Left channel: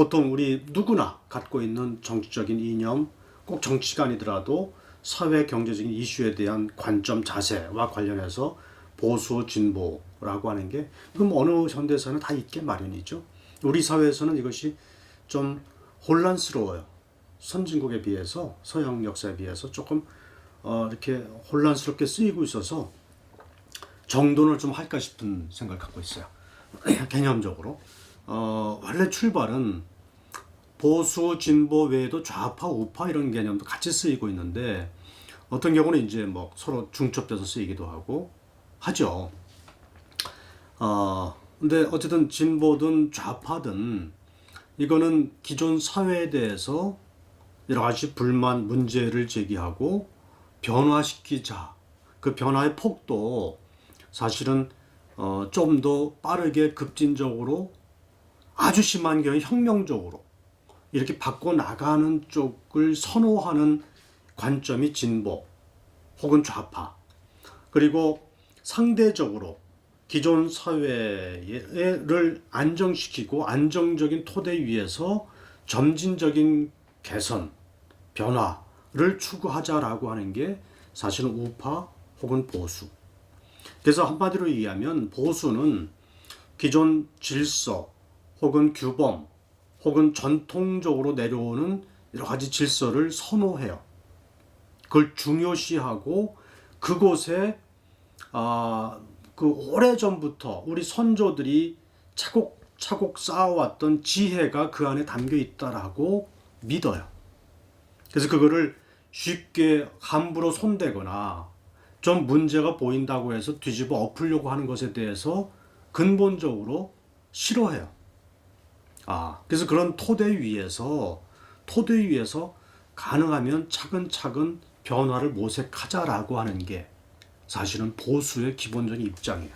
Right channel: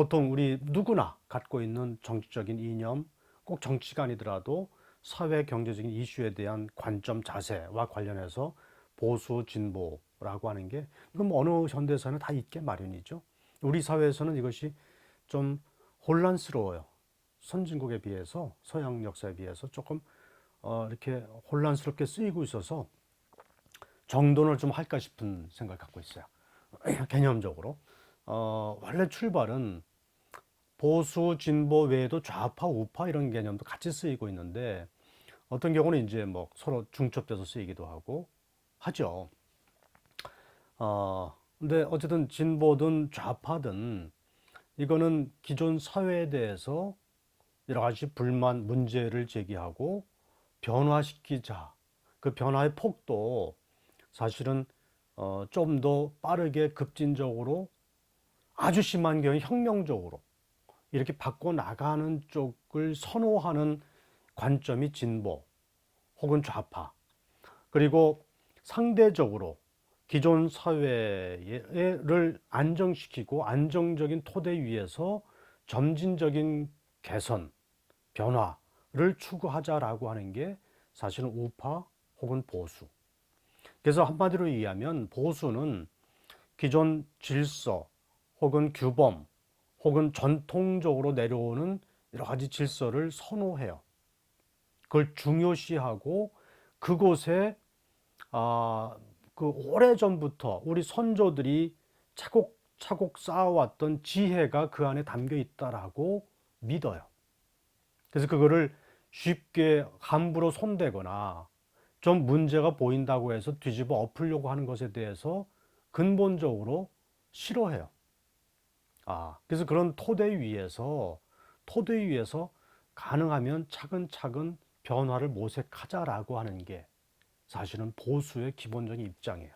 보통 우리 누구나 갖고 있는 정치적인 이념, 꼭 정치가 아니더라도 사회 경제적인 이슈에 대한 관점 자세와 관련해서 보수 진보라고 하는 게 그럼 어느 현대사는 다 있게 마련이죠. 우리 사회에서는 이것이 좀 혼란스러워요. 선진국에 비해서 서양 역사에 비해서 조금 이렇게 혼란스럽게 쓰이고 있어서 정돈을 좀 할까 싶은 생각을 갖고 있어요. 개념적으로 원래 출발은 보수 진보 외에도 좌파 우파 이런 개념도 같이 쓰이고 있는데 어떤 경우는 이제 뭐 서로 중첩돼서 쓰이기도 하고 하죠. 근데 어쨌든 진보든 좌파든 이거는 기존 사회에 대해서 여러 가지 불만 문제를 제기하고 변화시키자. 그 변화의 폭도 사실은 좀 더 빠르게 급진적으로 아주 심한 경우에 혁명적으로 이렇게 바꿔 나가는 쪽을 선호하는 관점이 진보 혹은 좌파. 그리고 상대적으로 기존 사회를 안정시키고 안정적인 토대 위에서 점진적인 개선, 변화를 추구하자라고 하는 게 사실은 우파 혹은 보수. 그래서 한마디로 얘기하면 보수는 기존 질서 혹은 규범 혹은 전통적으로 내려오는 여러 가지 질서를 선호해요. 그걸 중요시하고 그곳에 그 오래전부터 우리 선조들이 차곡차곡 쌓아왔던 지혜가 그 안에 담겨 있다라고 믿어요. 그래서 그거를 쉽게 함부로 손대거나 좀 문제가 보인다고 해서 뒤집어 엎으려고 하는 것에 대해서 근본적으로 싫어해요. 그래서 그런 토대 위에서 가능하면 차근차근 변화를 모색하자라고 하는 게 사실은 보수의 기본적인 입장이에요.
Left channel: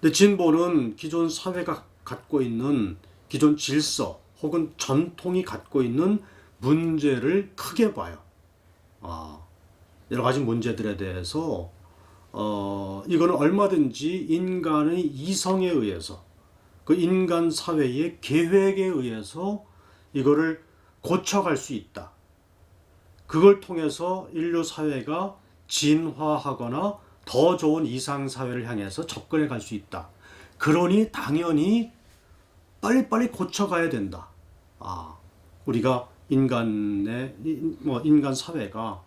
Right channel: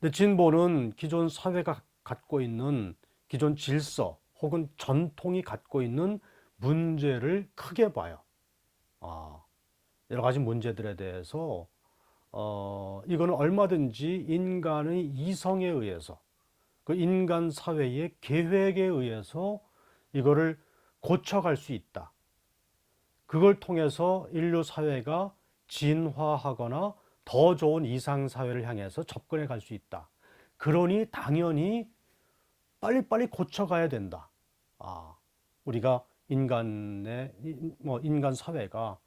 근데 진보는 기존 사회가 갖고 있는 기존 질서 혹은 전통이 갖고 있는 문제를 크게 봐요. 여러 가지 문제들에 대해서 이거는 얼마든지 인간의 이성에 의해서 그 인간 사회의 계획에 의해서 이거를 고쳐갈 수 있다. 그걸 통해서 인류 사회가 진화하거나 더 좋은 이상 사회를 향해서 접근해 갈 수 있다. 그러니 당연히 빨리빨리 고쳐가야 된다. 우리가 인간 사회가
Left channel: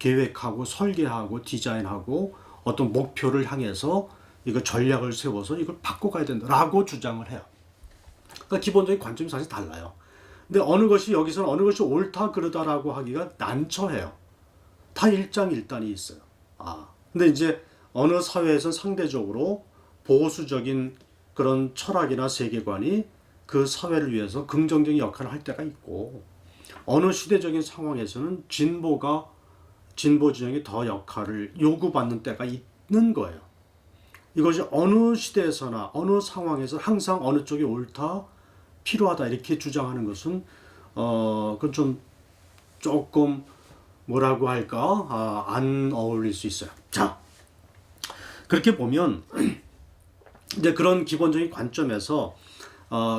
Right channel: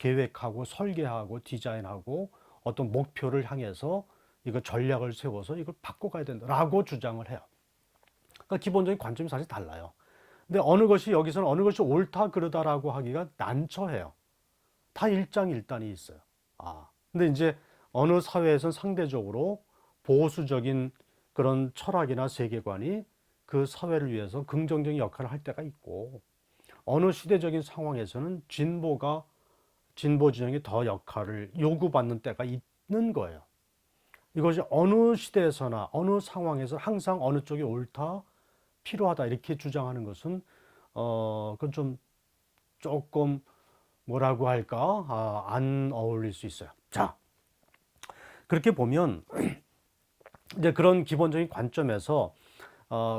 계획하고 설계하고 디자인하고 어떤 목표를 향해서 이거 전략을 세워서 이걸 바꿔가야 된다라고 주장을 해요. 그러니까 기본적인 관점이 사실 달라요. 근데 어느 것이 여기서는 어느 것이 옳다 그르다라고 하기가 난처해요. 다 일장일단이 있어요. 근데 이제 어느 사회에서는 상대적으로 보수적인 그런 철학이나 세계관이 그 사회를 위해서 긍정적인 역할을 할 때가 있고 어느 시대적인 상황에서는 진보 진영이 더 역할을 요구받는 때가 있는 거예요. 이것이 어느 시대에서나 어느 상황에서 항상 어느 쪽이 옳다, 필요하다 이렇게 주장하는 것은 그건 좀 조금 뭐라고 할까 안 어울릴 수 있어요. 자, 그렇게 보면 이제 그런 기본적인 관점에서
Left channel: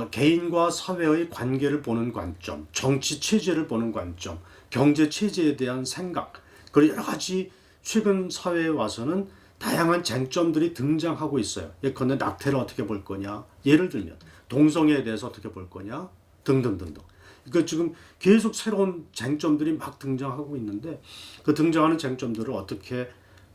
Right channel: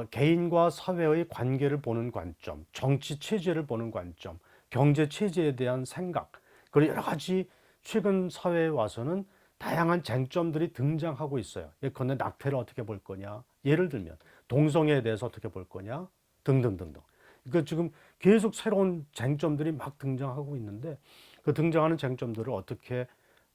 개인과 사회의 관계를 보는 관점, 정치 체제를 보는 관점, 경제 체제에 대한 생각, 그리고 여러 가지 최근 사회에 와서는 다양한 쟁점들이 등장하고 있어요. 예컨대 낙태를 어떻게 볼 거냐, 예를 들면 동성애에 대해서 어떻게 볼 거냐, 등등등등. 그러니까 지금 계속 새로운 쟁점들이 막 등장하고 있는데 그 등장하는 쟁점들을 어떻게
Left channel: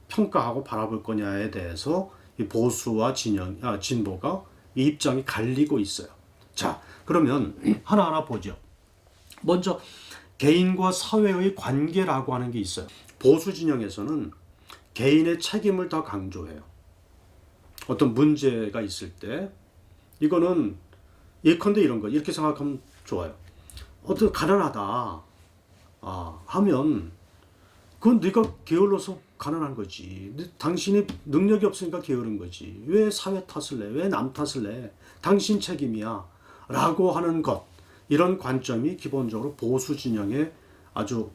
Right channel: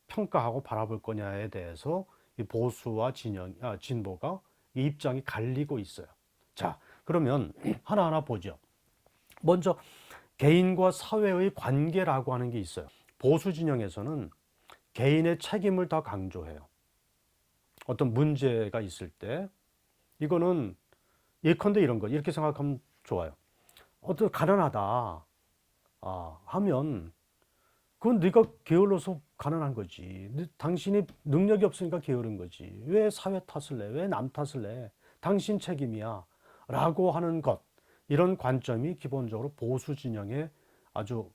평가하고 바라볼 거냐에 대해서 이 보수와 진보가 이 입장이 갈리고 있어요. 자, 그러면 하나하나 보죠. 먼저 개인과 사회의 관계라고 하는 게 있어요. 보수 진영에서는 개인의 책임을 더 강조해요. 어떤 문제가 있을 때 이거는 예컨대 이런 거 이렇게 생각하면 좋아요. 어떤 가난하다 하면 그건 네가 게을러서 가난한 거지. 당신이 능력이 없으니까 게으른 거지. 왜 사회 탓을 내? 왜 남 탓을 내? 당신 책임이야. 라고 하는 것. 이런 관점이 기본적으로 보수 진영의 아주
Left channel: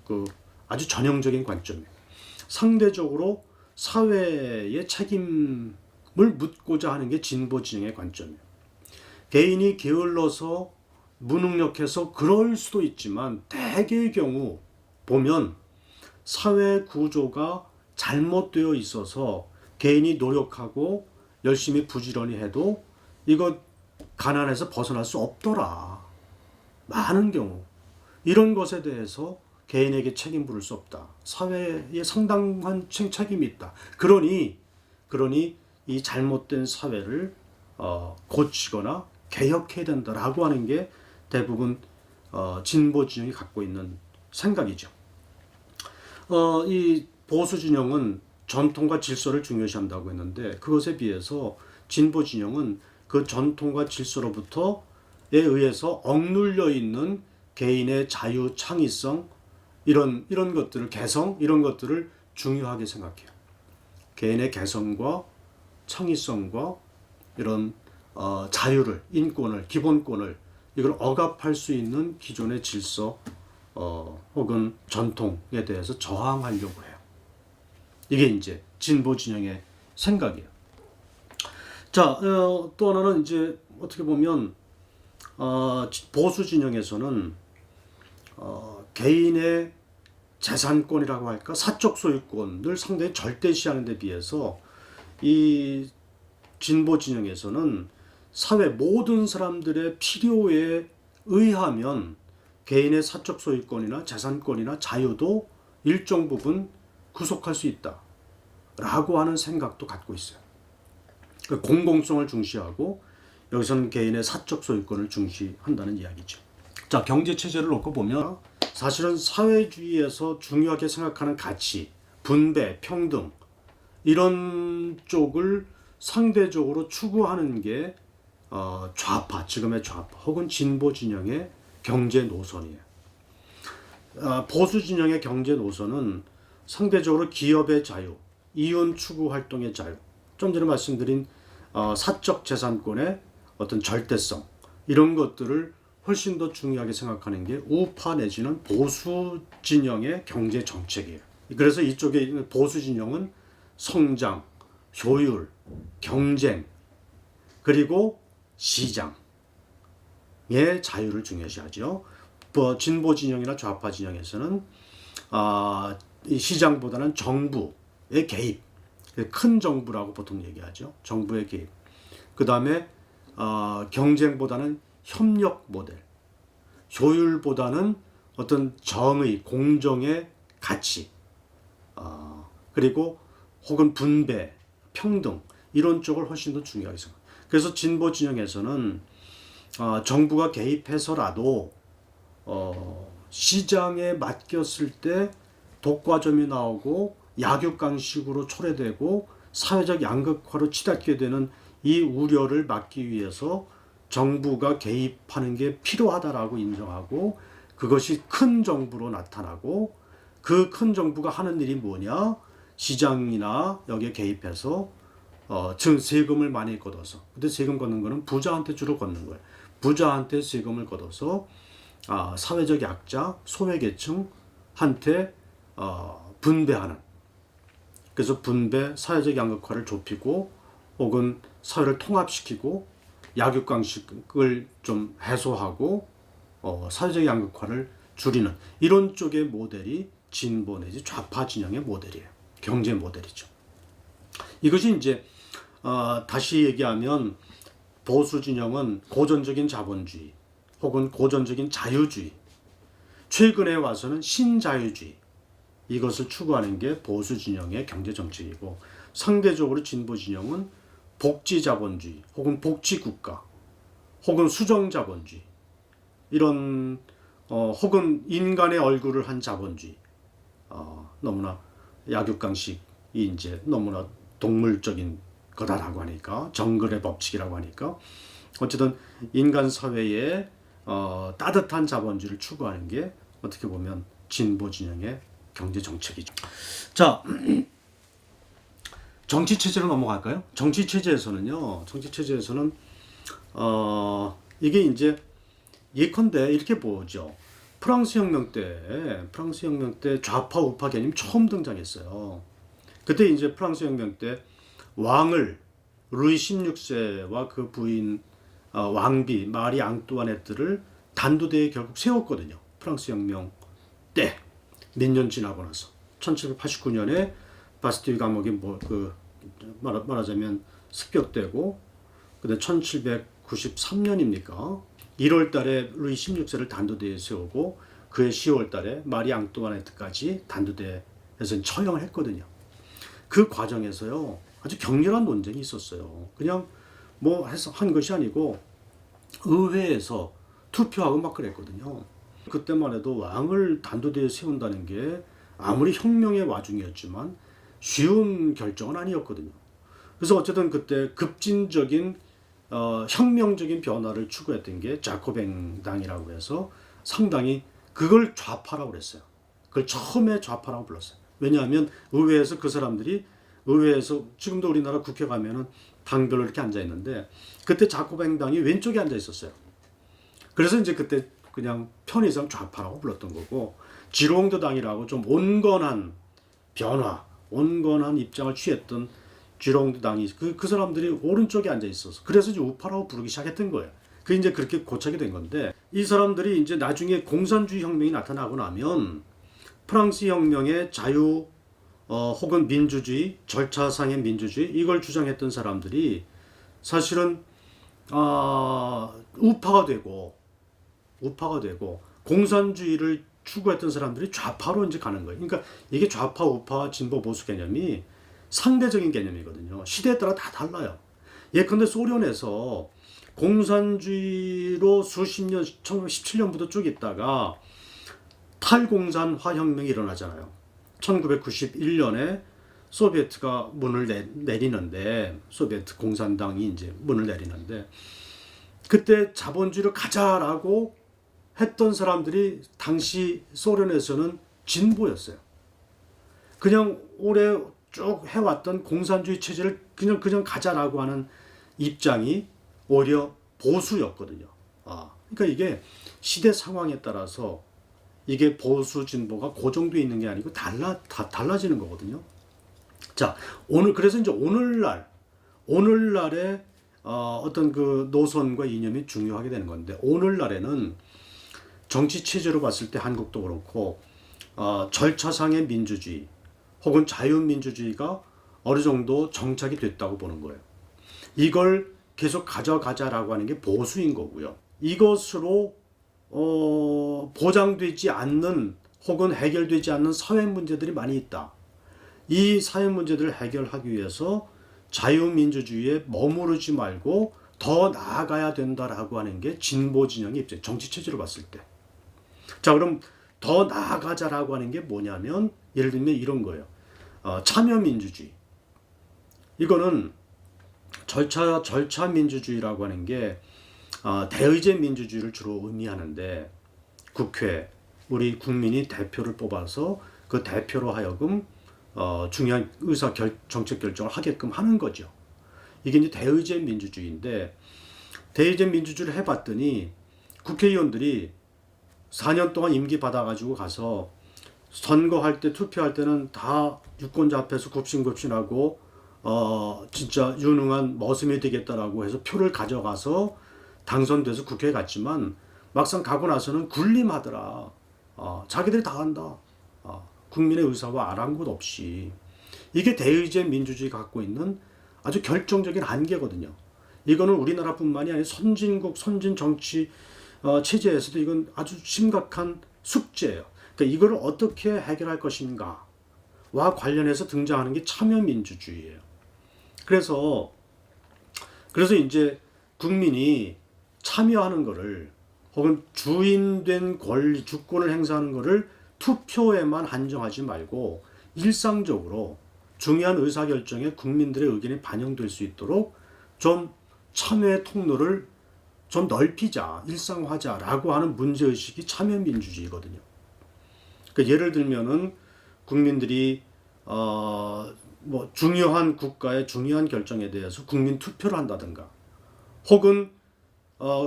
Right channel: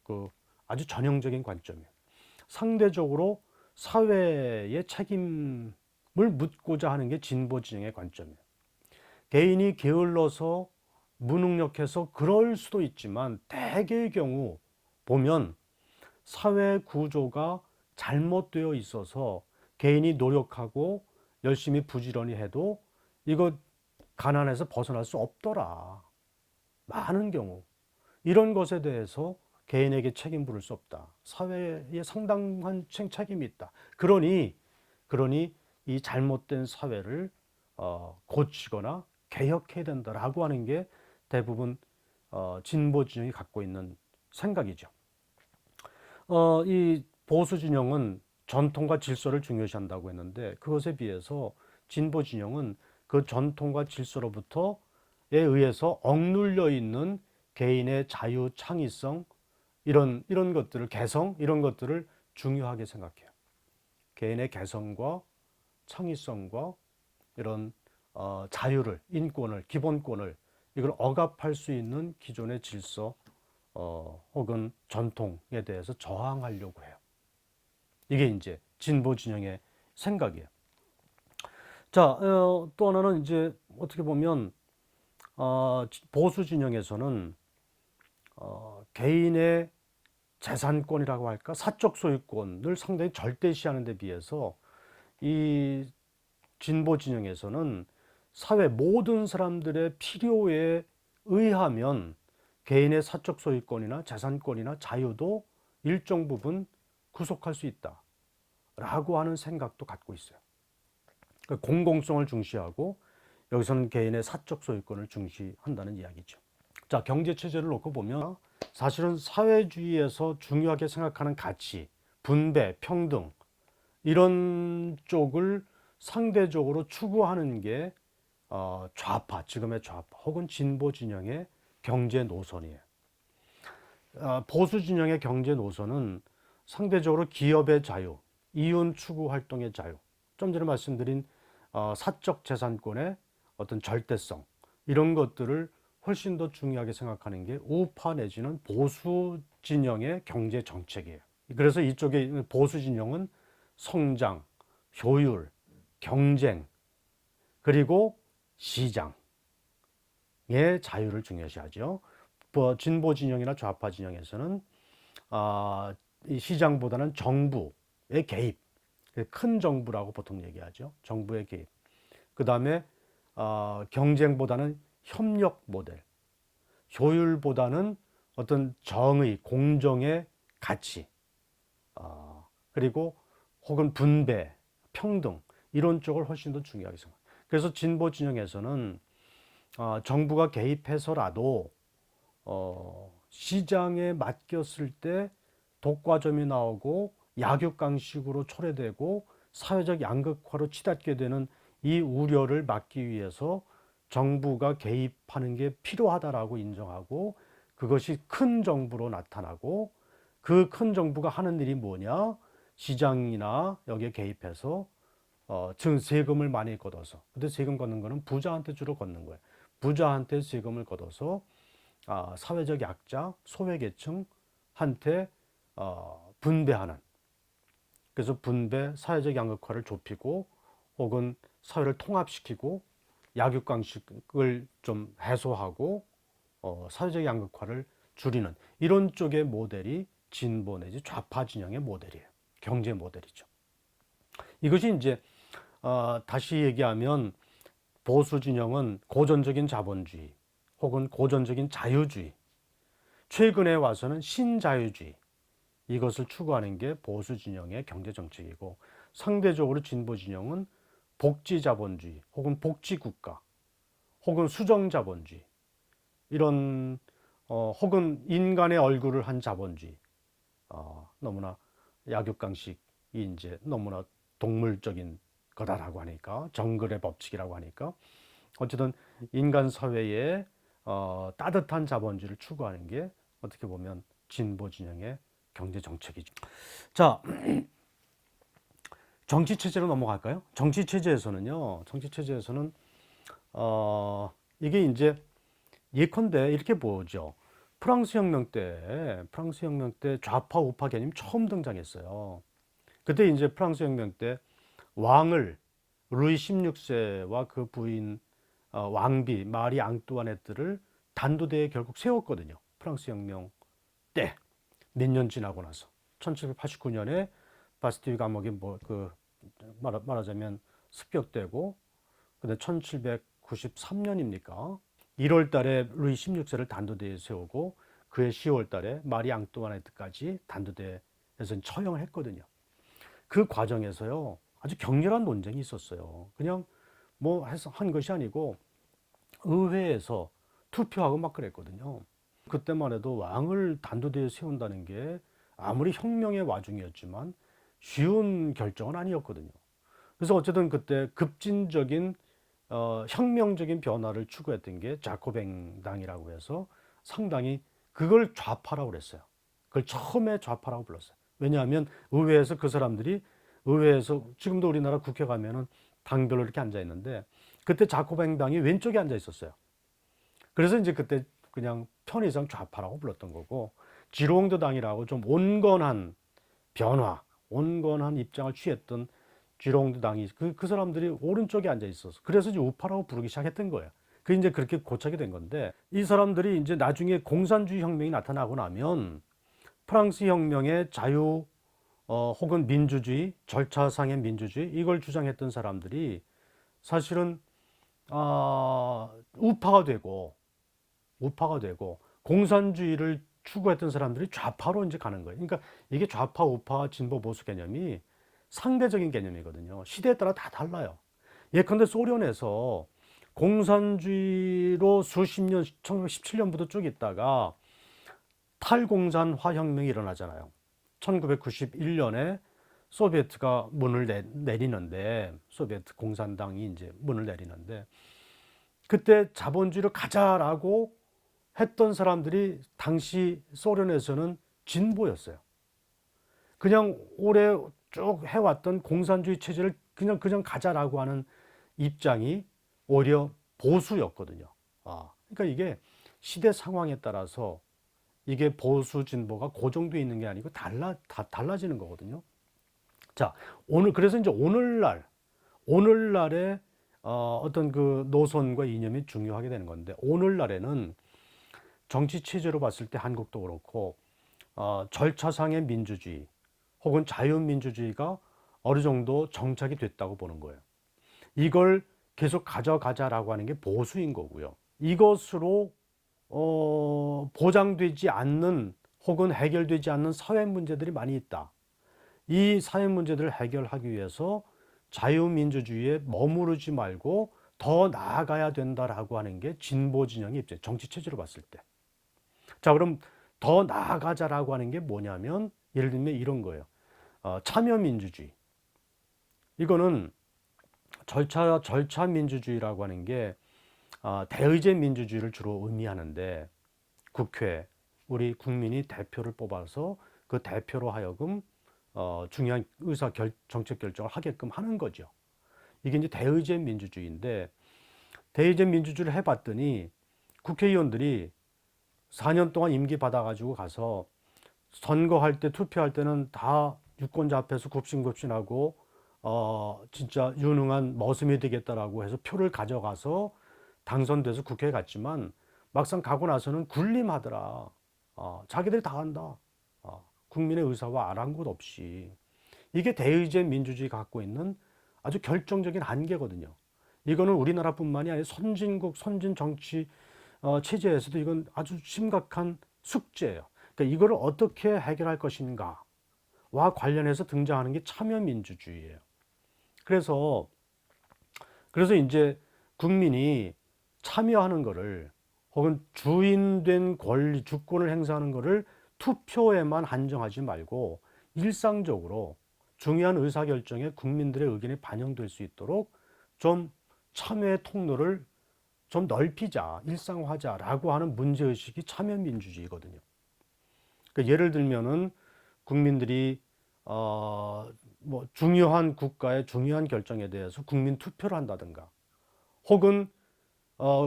전형적인 관점이에요. 상대적으로 사회의 책임을 묻고자 하는 게 진보 진영의 관점이에요. 개인이 게을러서 무능력해서 그럴 수도 있지만 대개의 경우 보면 사회 구조가 잘못되어 있어서 개인이 노력하고 열심히 부지런히 해도 이거 가난에서 벗어날 수 없더라. 많은 경우 이런 것에 대해서 개인에게 책임 부를 수 없다. 사회에 상당한 책임이 있다. 그러니 이 잘못된 사회를 고치거나 개혁해야 된다라고 하는 게 대부분 진보 진영이 갖고 있는 생각이죠. 이 보수 진영은 전통과 질서를 중요시한다고 했는데 그것에 비해서 진보 진영은 그 전통과 질서로부터에 의해서 억눌려 있는 개인의 자유, 창의성 이런 것들을 개성 이런 것들을 중요하게 생각해요. 개인의 개성과 창의성과 이런 자유를, 인권을, 기본권을 이걸 억압할 수 있는 기존의 질서 혹은 전통에 대해서 저항하려고 해요. 이게 이제 진보 진영의 생각이에요. 자, 또 하나는 이제 어떻게 보면 보수 진영에서는 개인의 재산권이라고 할까 사적 소유권을 상당히 절대시하는 데 비해서 이 진보 진영에서는 사회 모든 사람들의 필요에 의하면 개인의 사적 소유권이나 재산권이나 자유도 일정 부분 구속할 수 있다 라고 하는 생각도 갖고 있어요. 공공성을 중시하고 여기서는 개인의 사적 소유권을 중시한다는 이야기죠. 자, 경제 체제를 놓고 보면 사실은 사회주의에서 중요하게 생각하는 가치, 분배, 평등 이런 쪽을 상대적으로 추구하는 게 좌파, 지금의 좌파 혹은 진보 진영의 경제 노선이에요. 보수 진영의 경제 노선은 상대적으로 기업의 자유, 이윤 추구 활동의 자유, 좀 전에 말씀드린 사적 재산권의 어떤 절대성 이런 것들을 훨씬 더 중요하게 생각하는 게 우파 내지는 보수 진영의 경제 정책이에요. 그래서 이쪽에 있는 보수 진영은 성장, 효율, 경쟁, 그리고 시장의 자유를 중요시하죠. 진보 진영이나 좌파 진영에서는 이 시장보다는 정부의 개입, 큰 정부라고 보통 얘기하죠. 정부의 개입. 그 다음에 경쟁보다는 협력 모델, 효율보다는 어떤 정의, 공정의 가치, 그리고 혹은 분배, 평등 이런 쪽을 훨씬 더 중요하게 생각합니다. 그래서 진보 진영에서는 정부가 개입해서라도 시장에 맡겼을 때 독과점이 나오고 약육강식으로 초래되고 사회적 양극화로 치닫게 되는 이 우려를 막기 위해서 정부가 개입하는 게 필요하다라고 인정하고 그것이 큰 정부로 나타나고 그 큰 정부가 하는 일이 뭐냐? 시장이나 여기에 개입해서 즉 세금을 많이 걷어서 근데 세금 걷는 거는 부자한테 주로 걷는 거예요. 부자한테 세금을 걷어서 사회적 약자, 소외계층한테 분배하는 그래서 분배, 사회적 양극화를 좁히고 혹은 사회를 통합시키고 약육강식을 좀 해소하고 사회적 양극화를 줄이는 이런 쪽의 모델이 진보 내지 좌파 진영의 모델이에요. 경제 모델이죠. 이것이 이제 다시 얘기하면 보수 진영은 고전적인 자본주의 혹은 고전적인 자유주의, 최근에 와서는 신자유주의 이것을 추구하는 게 보수 진영의 경제 정책이고 상대적으로 진보 진영은 복지 자본주의 혹은 복지 국가 혹은 수정 자본주의 이런 혹은 인간의 얼굴을 한 자본주의 너무나 약육강식이 이제 너무나 동물적인 거다라고 하니까 정글의 법칙이라고 하니까 어쨌든 인간 사회에 따뜻한 자본주의를 추구하는 게 어떻게 보면 진보 진영의 경제 정책이죠. 자, 정치 체제로 넘어갈까요? 정치 체제에서는요. 정치 체제에서는 이게 이제 예컨대 이렇게 보죠. 프랑스 혁명 때 좌파 우파 개념 처음 등장했어요. 그때 이제 프랑스 혁명 때 왕을 루이 16세와 그 부인 왕비 마리 앙뚜아네트를 단두대에 결국 세웠거든요. 프랑스 혁명 때 몇 년 지나고 나서 1789년에 바스티유 감옥이 말하자면 습격되고 근데 1793년입니까? 1월 달에 루이 16세를 단두대에 세우고 그해 10월 달에 마리 앙뚜아네트까지 단두대에서 처형을 했거든요. 그 과정에서요. 아주 격렬한 논쟁이 있었어요. 그냥 뭐 해서 한 것이 아니고 의회에서 투표하고 막 그랬거든요. 그때만 해도 왕을 단두대에 세운다는 게 아무리 혁명의 와중이었지만 쉬운 결정은 아니었거든요. 그래서 어쨌든 그때 급진적인 혁명적인 변화를 추구했던 게 자코뱅당이라고 해서 상당히 그걸 좌파라고 그랬어요. 그걸 처음에 좌파라고 불렀어요. 왜냐하면 의회에서 그 사람들이 의회에서 지금도 우리나라 국회 가면은 당별로 이렇게 앉아 있는데 그때 자코뱅당이 왼쪽에 앉아 있었어요. 그래서 이제 그때 그냥 편의상 좌파라고 불렀던 거고 지롱드 당이라고 좀 온건한 변화, 온건한 입장을 취했던 지롱드 당이 그 사람들이 오른쪽에 앉아 있어서 그래서 이제 우파라고 부르기 시작했던 거예요. 그게 이제 그렇게 고착이 된 건데 이 사람들이 이제 나중에 공산주의 혁명이 나타나고 나면 프랑스 혁명의 자유 혹은 민주주의, 절차상의 민주주의 이걸 주장했던 사람들이 사실은 우파가 되고 공산주의를 추구했던 사람들이 좌파로 이제 가는 거예요. 그러니까 이게 좌파, 우파, 진보, 보수 개념이 상대적인 개념이거든요. 시대에 따라 다 달라요. 예컨대 소련에서 공산주의로 수십 년, 1917년부터 쭉 있다가 탈공산화 혁명이 일어나잖아요. 1991년에 소비에트가 문을 내리는데 소비에트 공산당이 이제 문을 내리는데 그때 자본주의로 가자라고 했던 사람들이 당시 소련에서는 진보였어요. 그냥 오래 쭉 해왔던 공산주의 체제를 그냥 가자라고 하는 입장이 오히려 보수였거든요. 그러니까 이게 시대 상황에 따라서 이게 보수 진보가 고정되어 있는 게 아니고 달라지는 거거든요. 자, 그래서 이제 오늘날의 어떤 그 노선과 이념이 중요하게 되는 건데 오늘날에는 정치 체제로 봤을 때 한국도 그렇고 절차상의 민주주의 혹은 자유민주주의가 어느 정도 정착이 됐다고 보는 거예요. 이걸 계속 가져가자라고 하는 게 보수인 거고요. 이것으로 보장되지 않는 혹은 해결되지 않는 사회 문제들이 많이 있다. 이 사회 문제들을 해결하기 위해서 자유민주주의에 머무르지 말고 더 나아가야 된다라고 하는 게 진보 진영의 입장, 정치 체제로 봤을 때. 자, 그럼 더 나아가자라고 하는 게 뭐냐면 예를 들면 이런 거예요. 참여민주주의. 이거는 절차 민주주의라고 하는 게 대의제 민주주의를 주로 의미하는데 국회, 우리 국민이 대표를 뽑아서 그 대표로 하여금 중요한 정책 결정을 하게끔 하는 거죠. 이게 이제 대의제 민주주의인데 대의제 민주주의를 해봤더니 국회의원들이 4년 동안 임기 받아가지고 가서 선거할 때 투표할 때는 다 유권자 앞에서 굽신굽신하고 진짜 유능한 머슴이 되겠다라고 해서 표를 가져가서 당선돼서 국회에 갔지만 막상 가고 나서는 군림하더라. 자기들이 다 한다. 국민의 의사와 아랑곳 없이. 이게 대의제 민주주의가 갖고 있는 아주 결정적인 한계거든요. 이거는 우리나라뿐만이 아니라 선진국, 선진 정치 체제에서도 이건 아주 심각한 숙제예요. 그러니까 이거를 어떻게 해결할 것인가와 관련해서 등장하는 게 참여민주주의예요. 그래서 이제 국민이 참여하는 거를 혹은 주인된 권리, 주권을 행사하는 거를 투표에만 한정하지 말고 일상적으로 중요한 의사결정에 국민들의 의견이 반영될 수 있도록 좀 참여의 통로를 좀 넓히자, 일상화하자라고 하는 문제의식이 참여민주주의거든요. 그러니까 예를 들면은 국민들이 뭐 중요한 국가의 중요한 결정에 대해서 국민 투표를 한다든가 혹은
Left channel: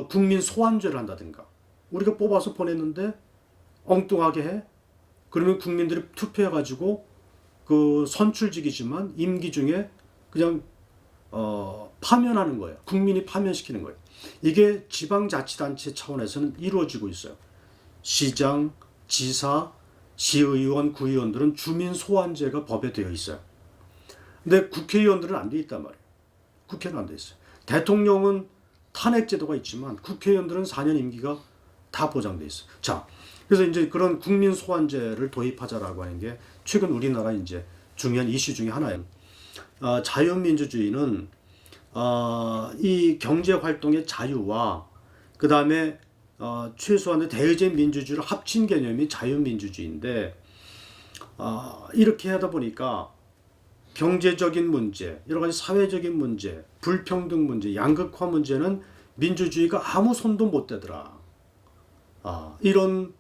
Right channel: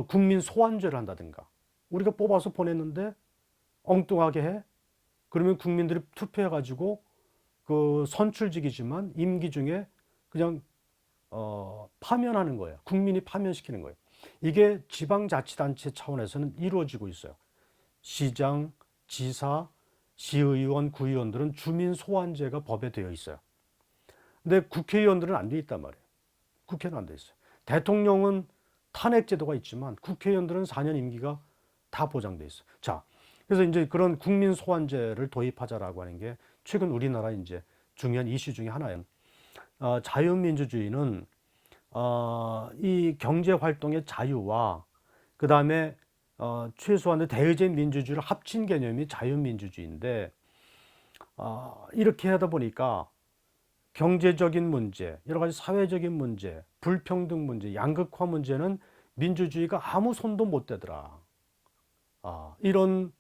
국민 소환제를 한다든가 우리가 뽑아서 보냈는데 엉뚱하게 해? 그러면 국민들이 투표해가지고 그 선출직이지만 임기 중에 그냥 파면하는 거예요. 국민이 파면시키는 거예요. 이게 지방자치단체 차원에서는 이루어지고 있어요. 시장, 지사, 시의원, 구의원들은 주민 소환제가 법에 되어 있어요. 근데 국회의원들은 안 돼 있단 말이에요. 국회는 안 돼 있어요. 대통령은 탄핵제도가 있지만 국회의원들은 4년 임기가 다 보장돼 있어요. 자, 그래서 이제 그런 국민 소환제를 도입하자라고 하는 게 최근 우리나라 이제 중요한 이슈 중에 하나예요. 자유민주주의는 이 경제 활동의 자유와 그 다음에 최소한의 대의제 민주주의를 합친 개념이 자유민주주의인데 이렇게 하다 보니까 경제적인 문제, 여러 가지 사회적인 문제, 불평등 문제, 양극화 문제는 민주주의가 아무 손도 못 대더라. 이런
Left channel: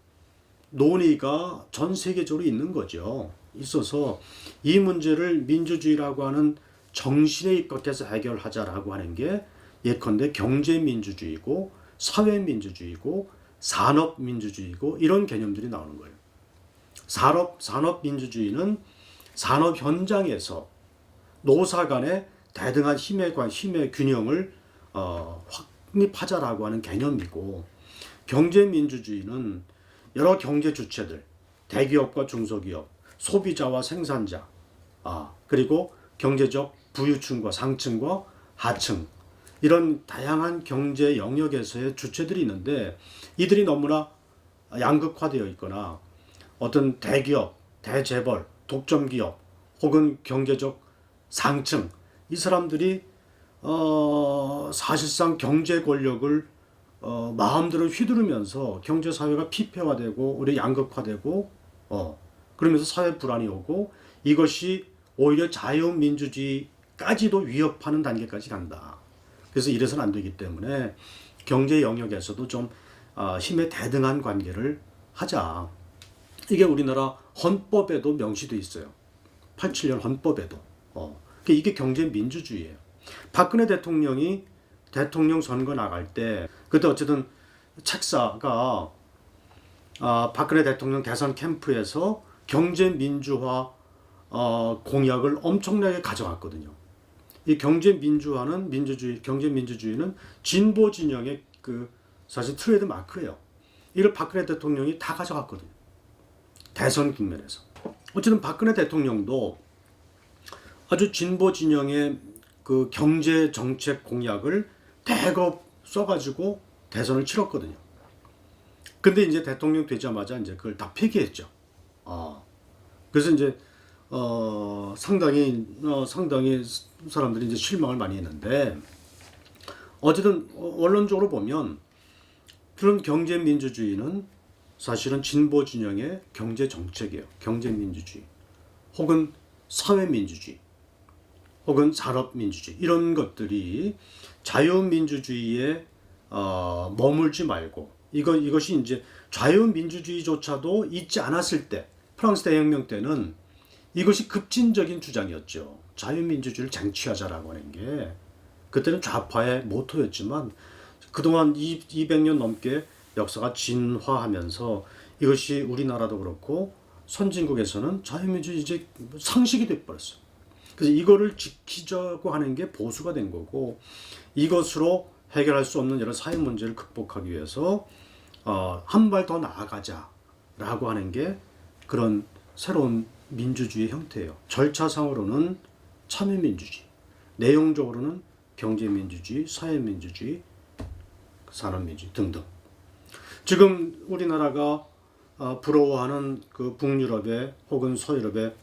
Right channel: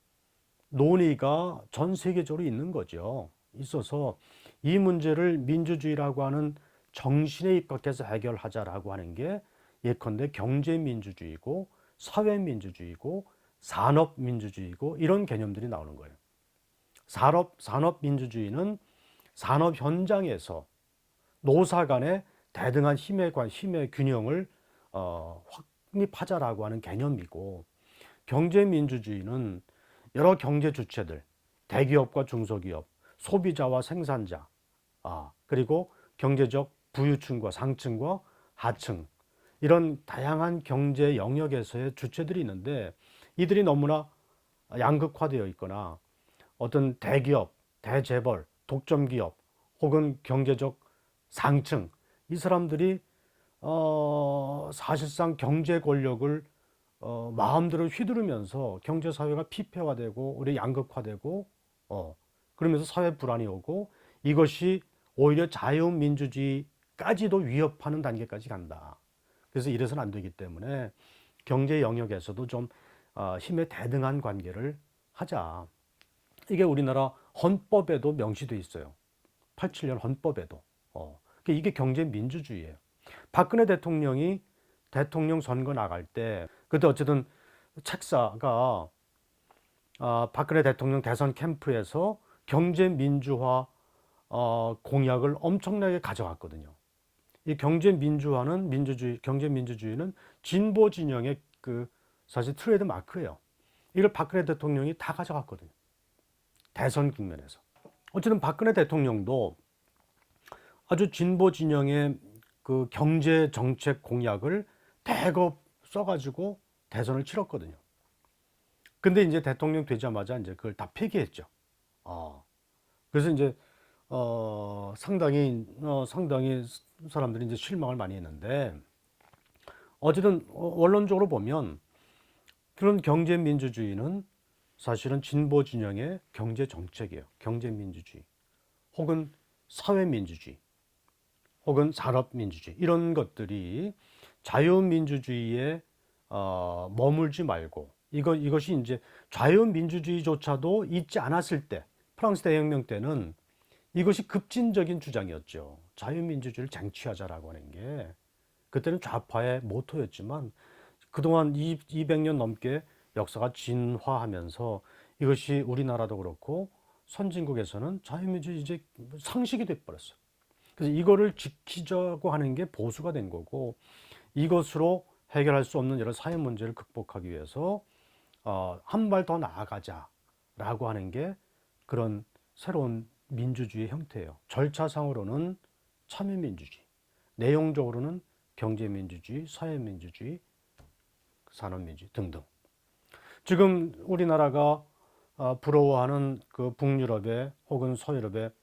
논의가 전 세계적으로 있는 거죠. 있어서 이 문제를 민주주의라고 하는 정신에 입각해서 해결하자라고 하는 게 예컨대 경제민주주의고 사회민주주의고 산업민주주의고 이런 개념들이 나오는 거예요. 산업민주주의는 산업 현장에서 노사 간의 대등한 힘의 균형을 확립하자라고 하는 개념이고, 경제민주주의는 여러 경제 주체들, 대기업과 중소기업, 소비자와 생산자, 그리고 경제적 부유층과 상층과 하층, 이런 다양한 경제 영역에서의 주체들이 있는데 이들이 너무나 양극화되어 있거나 어떤 대기업, 대재벌, 독점기업 혹은 경제적 상층, 이 사람들이 사실상 경제 권력을 마음대로 휘두르면서 경제 사회가 피폐화되고 우리 양극화되고 그러면서 사회 불안이 오고 이것이 오히려 자유민주주의까지도 위협하는 단계까지 간다. 그래서 이래서는 안 되기 때문에 경제 영역에서도 좀 힘의 대등한 관계를 하자. 이게 우리나라 헌법에도 명시돼 있어요. 87년 헌법에도. 이게 경제 민주주의예요. 박근혜 대통령이 대통령 선거 나갈 때 그때 어쨌든 책사가 박근혜 대통령 대선 캠프에서 경제 민주화 공약을 엄청나게 가져왔거든요. 이 경제 민주화는 경제 민주주의는 진보 진영의 그 사실 트레이드 마크예요. 이걸 박근혜 대통령이 다 가져갔거든요. 대선 국면에서. 어쨌든 박근혜 대통령도 아주 진보 진영의 그 경제 정책 공약을 대거 써가지고 대선을 치렀거든요. 근데 이제 대통령 되자마자 이제 그걸 다 폐기했죠. 그래서 이제 상당히 사람들이 이제 실망을 많이 했는데 어쨌든 원론적으로 보면 그런 경제 민주주의는 사실은 진보 진영의 경제 정책이에요. 경제 민주주의 혹은 사회 민주주의 혹은 산업 민주주의 이런 것들이 자유민주주의에 머물지 말고 이것이 이제 자유민주주의조차도 있지 않았을 때 프랑스 대혁명 때는 이것이 급진적인 주장이었죠. 자유민주주의를 쟁취하자라고 하는 게 그때는 좌파의 모토였지만 그동안 200년 넘게 역사가 진화하면서 이것이 우리나라도 그렇고 선진국에서는 자유민주주의 이제 상식이 돼버렸어요. 그래서 이거를 지키자고 하는 게 보수가 된 거고 이것으로 해결할 수 없는 여러 사회 문제를 극복하기 위해서 한 발 더 나아가자라고 하는 게 그런 새로운 민주주의 형태예요. 절차상으로는 참여민주주의, 내용적으로는 경제민주주의, 사회민주주의, 산업민주주의 등등. 지금 우리나라가 부러워하는 그 북유럽의 혹은 서유럽의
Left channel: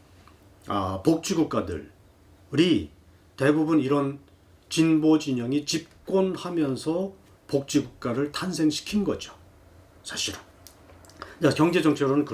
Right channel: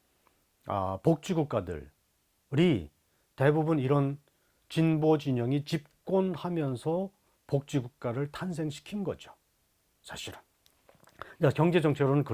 복지국가들이 대부분 이런 진보 진영이 집권하면서 복지국가를 탄생시킨 거죠. 사실은. 경제정책으로는